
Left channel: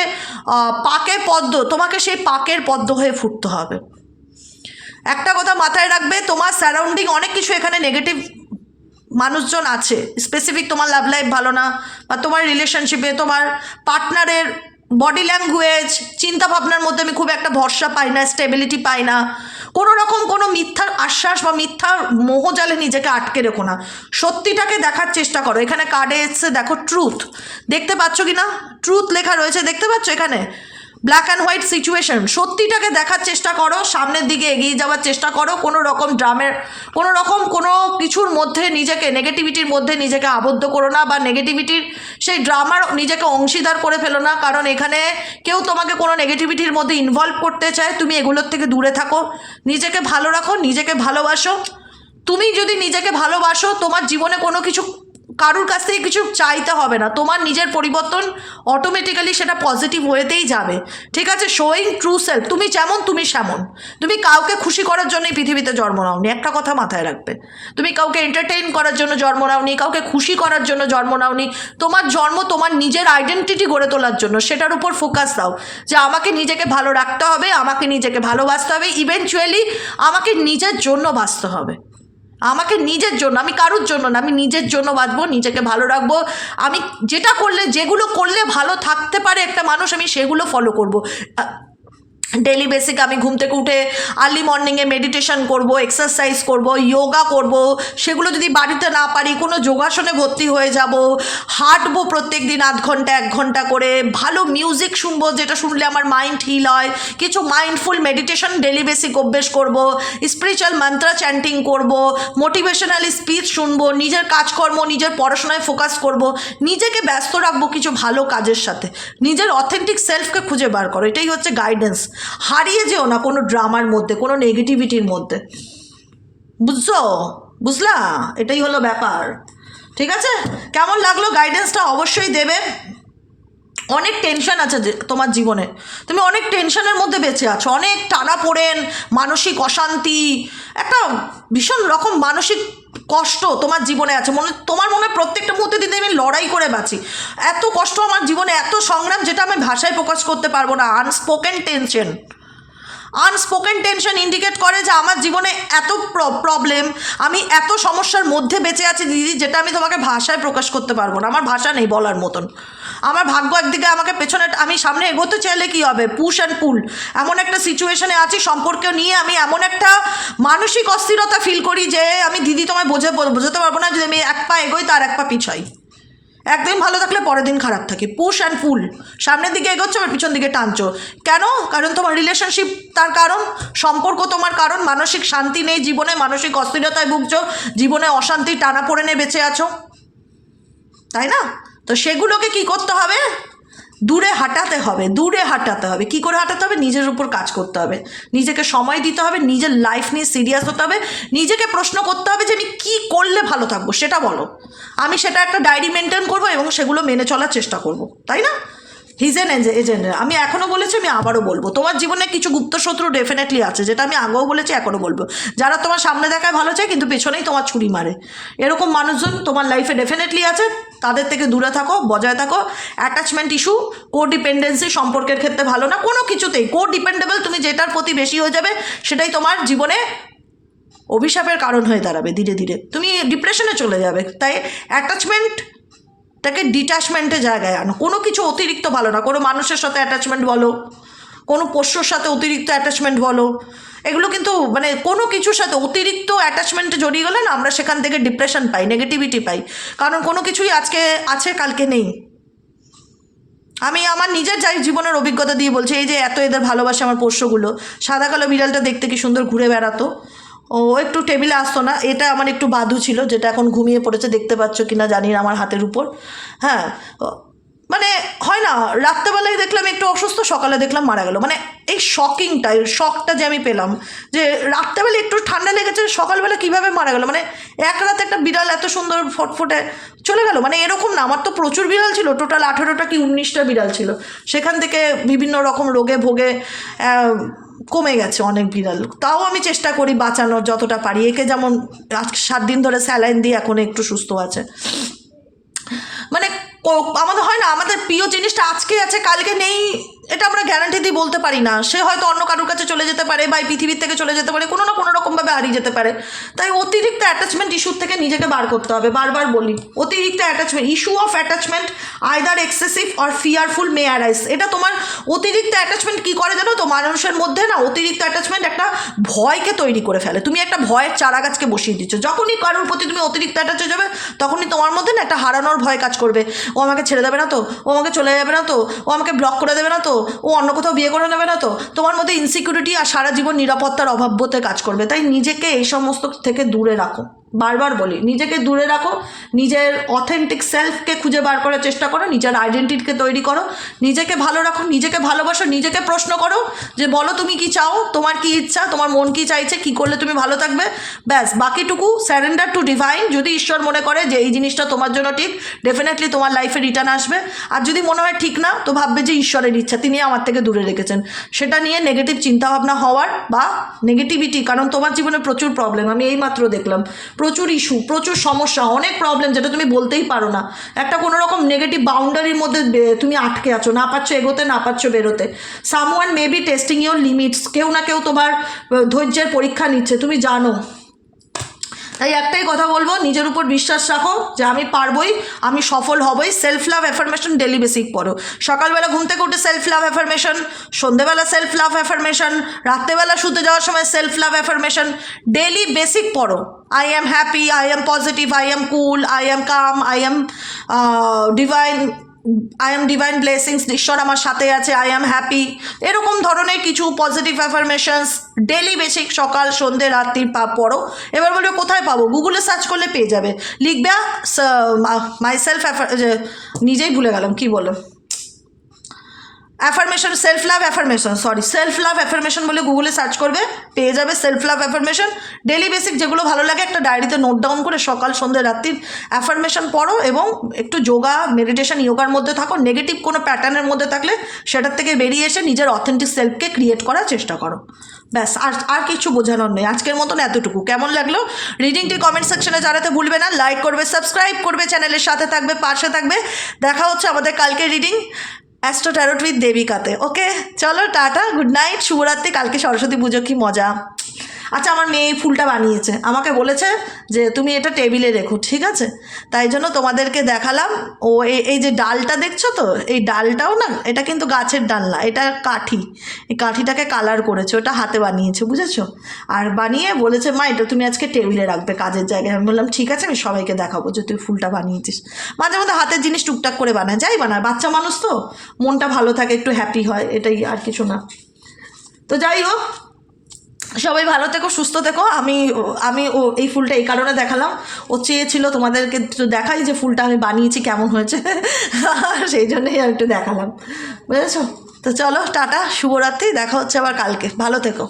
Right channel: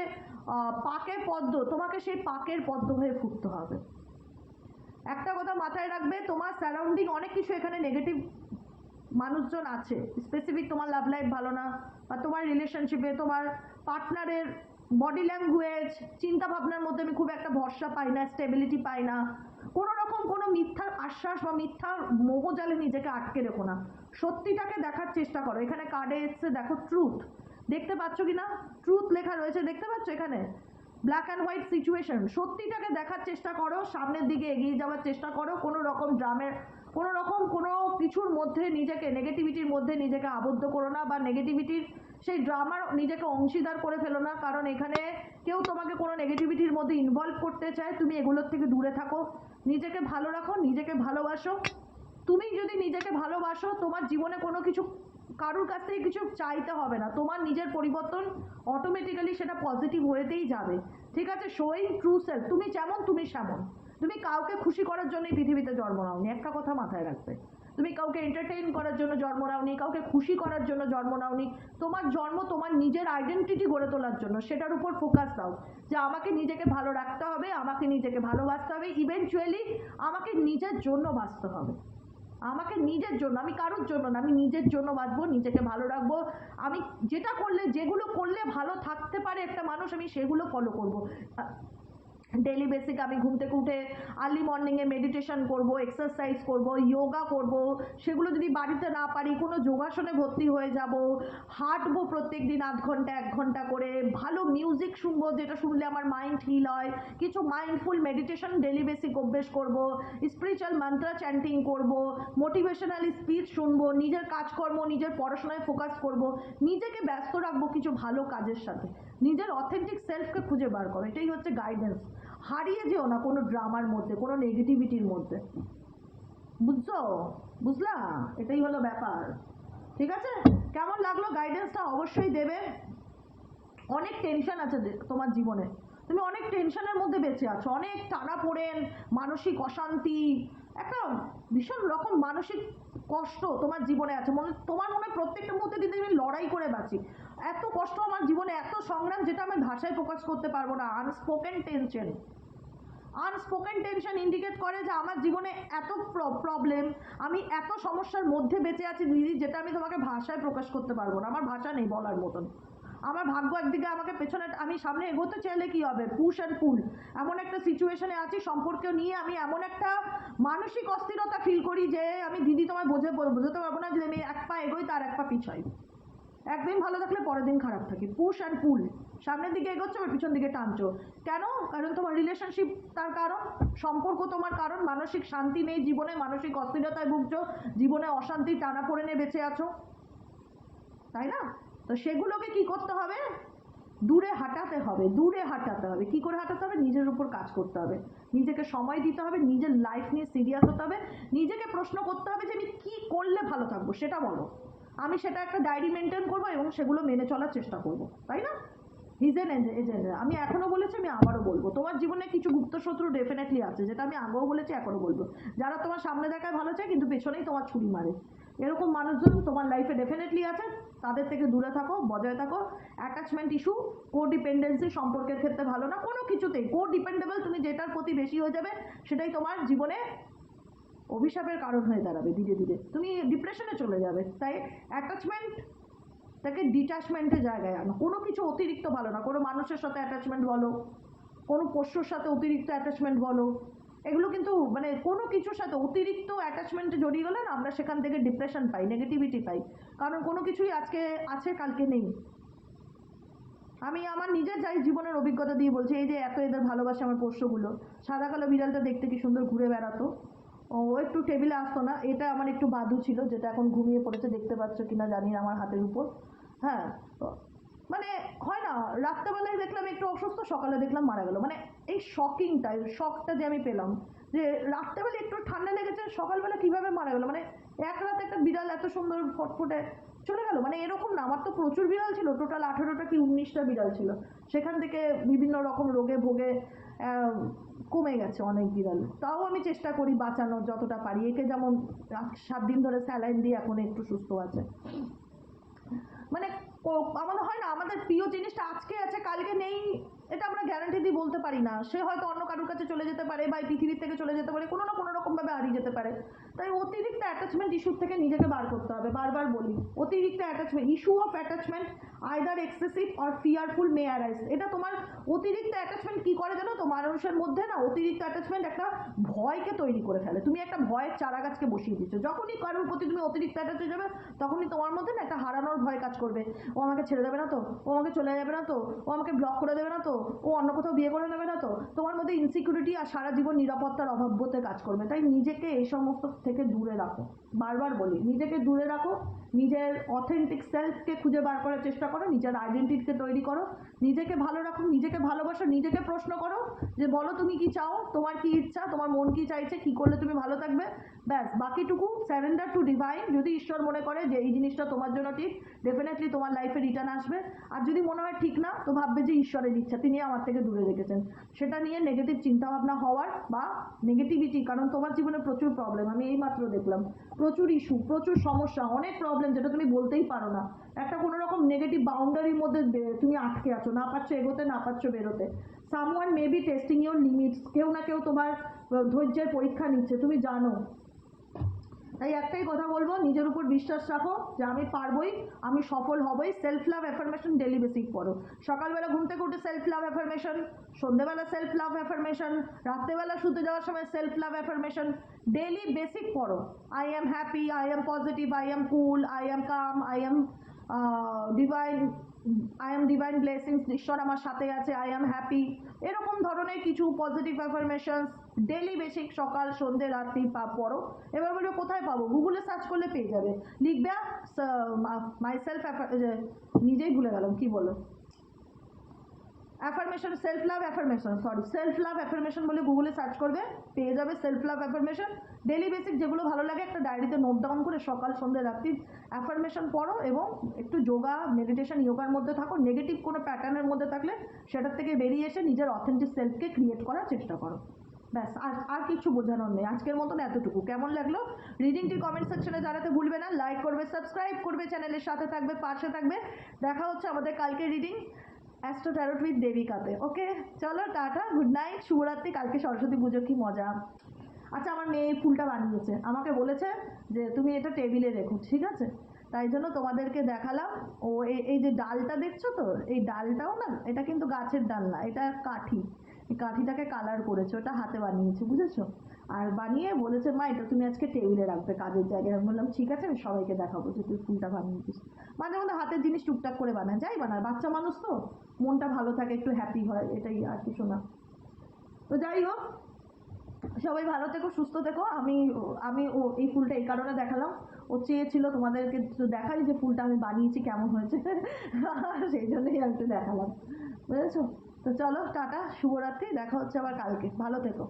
পাকে পদ্ম, তোমাকে সেই পাকের পদ্ম হয়ে ফুটতে হবে। একটা কথা মাথায় রাখবে, তোমার সারাউন্ডিং অনেক কিছু এখানে নেগেটিভ মানুষজন আছে। স্পেসিফিক তোমার লাভ লাইফ ভালো না, বা তোমার রিলেশনশিপে তোমার পার্টনারের বডি ল্যাঙ্গুয়েজ, চিন্তাভাবনার মধ্যে আমি খুব একটা ভরসা পাই না, স্টেবিলিটি পাই না। কোনো রকম কোনো মিথ্যার আশ্বাস বা মিথ্যার মোহজালে নিজেকে আটকে রেখো না। সত্যিটাকে দেখার চেষ্টা করো। এখানে কার্ডে এসছে দেখো ট্রুথ, দেখতে পাচ্ছ কি না? ট্রুথ লেখা রয়েছে, দেখতে পাচ্ছ? এখানে ব্ল্যাক অ্যান্ড হোয়াইট সিচুয়েশন, সত্যিটাকে দেখার চেষ্টা করো, সামনের দিকে এগিয়ে যাওয়ার চেষ্টা করো, কোনো রকম ড্রামের কোনো কিছুর মধ্যে নিজেকে, নেগেটিভিটির মধ্যে নিজেকে আবদ্ধ করো না, বা নেগেটিভিটির সেই ড্রামার নিজেকে অংশীদার করে ফেলো না, কারণ এখানে কেউ তোমাকে কোনো নেগেটিভিটির মধ্যে ইনভলভ করতে চায়, তুমি এগুলোর থেকে দূরে থাকো, নিজেকে ভালো রাখো, নিজেকে ভালোবাসো। তুমি যদি নিজেকে ভালোবাসো, তোমার জীবনে কোনো কিছু কারুর কাছ থেকে কিছু চাইতে হবে না, তোমার নিজের পরিবর্তন অটোমেটিক্যালি সেটা পজিটিভ ওয়েতেই যাবে, ঠিক আছে? শোয়িং ট্রু সেলফ, তুমি যেমন তুমি সেমন, তুমি কাউকে খুশি করার জন্য এই পৃথিবীতে জন্ম নাওনি, একটা কথা মাথায় রাখবে, তুমি কাউকে এন্টারটেইন করার জন্য জন্ম নাওনি, কাউকে খুশি করার জন্য জন্ম নাওনি, তোমার জন্ম তোমার নিজের আইডেন্টিটি গড়ে তোলার জন্য, সেটার উপর ফোকাস দাও যে আমাকে নিজেকে ভালো রাখতে হবে, আমাকে নিজেকে ভালোবাসতে হবে, ইভেনচুয়ালি আমাকে নিজের জন্য বাঁচতে হবে, আমাকে নিজের জন্য, আমি কারুর জন্য না, আমি নিজের জন্য বাঁচবো, নিজেকে ভালো রাখবো, আমি যেগুলো করলে ভালো থাকতে পারে একটা মানুষ, আমি সেগুলো ফলো করবো। ডেলি বেসিক আমি ঘুম থেকে উঠে আর্লি মর্নিংয়ে মেডিটেশন করব, এক্সারসাইজ করব, যোগা করব, সেগুলো যদি বাড়িতে না পারি কোনো যোগাসনে ভর্তি হয়ে যাব, হাঁটবো প্রত্যেক দিন আধ ঘন্টা 1 ঘন্টা করে, ভালো মিউজিক শুনবো যেটা শুনলে আমার মাইন্ড হিল হয়, কিছু মাইন্ডফুল মেডিটেশন ডেলি বেসিক অভ্যেস করব, স্পিরিচুয়াল মন্ত্রা চ্যান্টিং করব, মোটিভেশনাল স্পিচ শুনবো, নিজের কাজকর্ম নিজের পড়াশোনায় ফোকাস করব, নিজেকে ব্যস্ত রাখবো কিছু ভালো কাজের সাথে, নিজের অথেন্টিক সেলফকে খুঁজে বার করো, এটাই হচ্ছে গাইডেন্স। হারিয়ে যেও না কোনো ড্রামার মধ্যে, কোনো নেগেটিভিটির মধ্যে, বুঝলা? এটাই হলো ব্যাপার, ঠিক আছে? কেমন লাগলো গাইডেন্সটা অবশ্যই দেবে। অনেক টেনশন আছে যে তোমার জীবনে, তুমি অনেক টেনশনের মধ্যে বেঁচে আছো, অনেক টানাপোড়েন, মানসিক অশান্তি, একটা ভীষণ রকম মানসিক কষ্ট তোমার জীবনে আছে, তোমার মনে হয় প্রত্যেকটা মুহূর্তে দিনে আমি লড়াই করে বাঁচি, এত কষ্ট আমার জীবনে, এত সংগ্রাম যেটা আমি ভাষায় প্রকাশ করতে পারবো না, আনস্পোকেন টেনশন ইন্ডিকেট করে যে আমার জীবনে এত প্রবলেম, আমি এত সমস্যার মধ্যে বেঁচে আছি দিদি, যেটা আমি তোমাকে ভাষায় প্রকাশ করতে পারবো না, আমার ভাষা নেই বলার মতন। আমার ভাগ্য একদিকে আমাকে পেছনে, আমি সামনে এগোতে চাইলে কী হবে, পুশ অ্যান্ড পুল, এমন একটা সিচুয়েশনে আছি সম্পর্ক নিয়ে, আমি এমন একটা মানসিক অস্থিরতা ফিল করি যে আমি দিদি তোমায় বোঝাতে পারবো না, যদি আমি এক পা এগোই তার এক পা পিছাই, একদিন ভালো থাকলে পরের দিন খারাপ থাকে, পুশ অ্যান্ড পুল, সামনের দিকে এগোচ্ছ আর পিছন দিকে টানছো, কেন? কারণ তোমার রিলেশনশিপ তার কারণ, সম্পর্ক তোমার কারণ, মানসিক শান্তি নেই জীবনে, মানসিক অস্থিরতায় ভুগছো, জীবনে অশান্তি টানা পড়ে নিয়ে বেঁচে আছো, তাই না? তো সেগুলোকে কি করতে হবে? দূরে হাঁটাতে হবে। কি করে হাঁটাতে হবে? নিজের উপর কাজ করতে হবে, নিজেকে সময় দিতে হবে, নিজের লাইফ নিয়ে সিরিয়াস হতে হবে, নিজেকে প্রশ্ন করতে হবে যে আমি কী করলে ভালো থাকবো সেটা বলো, আমি সেটা একটা ডায়েরি মেনটেন করবো এবং সেগুলো মেনে চলার চেষ্টা করব, তাই না? হিজেন এজেন্ট, আমি এখনও বলেছি, আমি আবারও বলবো, তোমার জীবনে কিছু গুপ্তশত্রু ডেফিনেটলি আছে, যেটা আমি আগেও বলেছি, এখনও বলবো, যারা তোমার সামনে দেখায় ভালো চায় কিন্তু পেছনেই তোমার ছুরি মারে, এরকম মানুষজন তোমার লাইফে ডেফিনেটলি আছে, তাদের থেকে দূরে থাকো, বজায় থাকো। অ্যাটাচমেন্ট ইস্যু, কোডিপেন্ডেন্সি সম্পর্কের ক্ষেত্রে ভালো না, কোনো কিছুতেই কোডিপেন্ডেবল, তুমি যেটার প্রতি বেশি হয়ে যাবে সেটাই তোমার জীবনে অভিশাপের কারণ হয়ে দাঁড়াবে, ধীরে ধীরে তুমি ডিপ্রেশনে চলে যাবে। তাই অ্যাটাচমেন্টটাকে ডিট্যাচমেন্টের জায়গায় আনো, কোনো কিছু অতিরিক্ত ভালো না, কোনো মানুষের সাথে অ্যাটাচমেন্ট বলো, কোনো পোষ্যর সাথে অতিরিক্ত অ্যাটাচমেন্ট বলো, এগুলো কিন্তু মানে কোনো কিছুর সাথে অতিরিক্ত অ্যাটাচমেন্টে জড়িয়ে গেলে না আমরা সেখান থেকে ডিপ্রেশন পাই, নেগেটিভিটি পাই, কারণ কোনো কিছুই আজকে আছে কালকে নেই। আমি আমার নিজের জীবনের অভিজ্ঞতা দিয়ে বলছি, এই যে এত এদের ভালোবাসে আমার পোষ্যগুলো, সাদা কালো বিড়ালটা দেখতে কি সুন্দর ঘুরে বেড়াতো, ও একটু টেবিলে আসতো না, এটা আমার একটু বাদু ছিল, যেটা এখন ঘুমিয়ে পড়েছে, দেখতে পাচ্ছ কি না জানি না আমার হাতের উপর, হ্যাঁ, মানে হয় না, রাত্রেবেলায় দেখলাম একটু অসুস্থ, সকালে দেখলাম মারা গেল, মানে এই শকটা যে আমি পেলাম যে রাত্রেবেলা একটু ঠান্ডা লেগেছে, সকালবেলা কীভাবে মারা গেল, মানে এক রাতে একটা বিড়াল এত সুন্দর ফটফটে চলে গেল, মানে এরকম না, আমার তো প্রচুর বিড়াল ছিল, টোটাল 18টা কি 19টা বিড়াল ছিল, সেখান থেকে বিভিন্ন রকম রোগে ভোগে কমে গেছে অনেক বিড়াল, তাও আমি চেষ্টা করি বাঁচানোর যতটা পারি, একে যেমন 7 দিন ধরে স্যালাইন দিয়ে এখন একটু সুস্থ আছে, মানে আমাদের হয় না, আমাদের প্রিয় জিনিসটা আজকে আছে কালকে নেই, এটা আমরা গ্যারান্টি দিয়ে বলতে পারি না, সে হয়তো অন্য কারোর কাছে চলে যেতে পারে বা পৃথিবীর থেকে চলে যেতে পারে, কোনো না কোনো রকমভাবে হারিয়ে যেতে পারে। তাই অতিরিক্ত অ্যাটাচমেন্ট ইস্যুর থেকে নিজেকে বার করতে হবে, বারবার বলি, অতিরিক্ত attachment, issue of attachment either excessive or fearful May arise, এটা তোমার অতিরিক্ত অ্যাটাচমেন্ট কী করে জানো তো, মানুষের মধ্যে না অতিরিক্ত অ্যাটাচমেন্ট একটা ভয়কে তৈরি করে ফেলে, তুমি একটা ভয়ের চারা গাছকে বসিয়ে দিচ্ছ, যখনই কারোর প্রতি তুমি অতিরিক্ত অ্যাটাচ হয়ে যাবে তখনই তোমার মধ্যে না একটা হারানোর ভয় কাজ করবে, ও আমাকে ছেড়ে দেবে না তো, ও আমাকে চলে যাবে না তো, ও আমাকে ব্লক করে দেবে না তো, ও অন্য কোথাও বিয়ে করে নেবে না তো, তোমার মধ্যে ইনসিকিউরিটি আর সারা জীবন নিরাপত্তার অভাবতে কাজ করবে। তাই নিজেকে এই সমস্ত থেকে দূরে রাখো, বারবার বলি নিজেকে দূরে রাখো, নিজের অথেন্টিক সেলফকে খুঁজে বার করার চেষ্টা করো, নিজের আইডেন্টিটিকে তৈরি করো, নিজেকে ভালো রাখো, নিজেকে ভালোবাসো, নিজেকে প্রশ্ন করো যে বলো তুমি কি চাও, তোমার কি ইচ্ছা, তোমার মন কি চাইছে, কি করলে তুমি ভালো থাকবে, ব্যাস। বাকিটুকু স্যারেন্ডার টু ডিভাইন। যদি ঈশ্বর মনে করে যে এই জিনিসটা তোমার জন্য ঠিক, ডেফিনেটলি তোমার লাইফে রিটার্ন আসবে। আর যদি মনে হয় ঠিক না, তো ভাববে যে ঈশ্বরের ইচ্ছা, তিনি আমার থেকে দূরে রেখেছেন। সেটা নিয়ে নেগেটিভ চিন্তাভাবনা হওয়ার বা নেগেটিভিটি, কারণ তোমার জীবনে প্রচুর প্রবলেম, আমি এইমাত্র দেখলাম প্রচুর ইস্যু, প্রচুর সমস্যা, অনেক প্রবলেম যেটা তুমি বলতেই পারো না। একটা কোনো রকম নেগেটিভ বাউন্ডারির মধ্যে তুমি আটকে আছো, না পারছো এগোতে, না পারছো বেরোতে। Someone may be testing your limits, কেউ না কেউ তোমার ধৈর্যের পরীক্ষা নিচ্ছে, তুমি জানো। তাই একটাই কথা বলবো, নিজের উপর বিশ্বাস রাখো যে আমি পারবোই, আমি সফল হবই। Self love affirmation daily basic পড়ো। সকালবেলা ঘুম থেকে উঠে সেলফ লাভ অ্যাফার্মেশন, সন্ধ্যেবেলা সেলফ লাভ অ্যাফার্মেশন, রাত্রেবেলা শুতে যাওয়ার সময় self love affirmation, daily basic পড়ো। I am happy, I am positive, I am cool, I am calm, I am divine, I am divine blessings, ঈশ্বর আমার সাথে আছে, আই এম হ্যাপি, এরকম ধরনের কিছু পজিটিভ অ্যাফার্মেশনস ডেলি বেসিক সকাল সন্ধ্যে রাত্রি পড়ো। এবার বলবে কোথায় পাবো, গুগলে সার্চ করলে পেয়ে যাবে। লিখবে মাই সেলফ, নিজেই ভুলে গেলাম কি বলো, affirmation, self love affirmation, sorry self love affirmation বলে গুগলে সার্চ করবে, পেয়ে যাবে self love affirmation. Daily basic যেগুলো ভালো লাগে একটা ডায়েরিতে নোট ডাউন করে সকাল সন্ধ্যে রাত্রির অ্যাফার্মেশন পড়ো, এবং একটু যোগা মেডিটেশন ইয়োগার মধ্যে থাকো। নেগেটিভ কোনো প্যাটার্নের মধ্যে থাকলে সেটার থেকে বেরিয়ে এসে নিজের অথেন্টিক সেলফকে ক্রিয়েট করার চেষ্টা করো, ব্যাস। আর কিছু বোঝানোর নেই। আজকের মতন এতটুকু। কেমন লাগলো রিডিংটি কমেন্ট সেকশনে জানাতে ভুলবে না। লাইক করবে, সাবস্ক্রাইব করবে, চ্যানেলের সাথে থাকবে, পাশে থাকবে। দেখা হচ্ছে আমাদের কালকে রিডিং অ্যাস্ট্রো ট্যারোট উইথ দেবিকাতে। ওকে, চলো টাটা, গুড নাইট, শুভরাত্রি। কালকে সরস্বতী পুজো, কি মজা। আচ্ছা, আমার মেয়ে এই ফুলটা বানিয়েছে, আমাকে বলেছে যে তুমি এটা টেবিলে রেখো, ঠিক আছে? তাই জন্য তোমাদেরকে দেখালাম। ও এই যে ডালটা দেখছো তো, এই ডালটাও না, এটা কিন্তু গাছের ডাল না, এটা কাঠি। এই কাঠিটাকে কালার করেছে, ওটা হাতে বানিয়েছে, বুঝেছো? আর বানিয়ে বলেছে মা এটা তুমি আজকে টেবিলে রাখবে কাজের জায়গায়। আমি বললাম ঠিক আছে, আমি সবাইকে দেখাবো যে তুই ফুলটা বানিয়েছিস। মাঝে মধ্যে হাতের জিনিস টুকটাক করে বানায়, যাই বানায়, বাচ্চা মানুষ তো মনটা ভালো থাকে, একটু হ্যাপি হয়, এটাই, আর কিছু না। তো যাই হোক, সবাই ভালো থেকো, সুস্থ থেকো। আমি এই ফুলটা এই কারণে দেখালাম, ও চেয়েছিল তোমাদেরকে একটু দেখাই যে ফুলটা আমি বানিয়েছি কেমন হয়েছে, সেই জন্যই আমি একটু দেখালাম, বুঝেছো? তো চলো টাটা, শুভরাত্রি, দেখা হচ্ছে আবার কালকে, ভালো থেকো।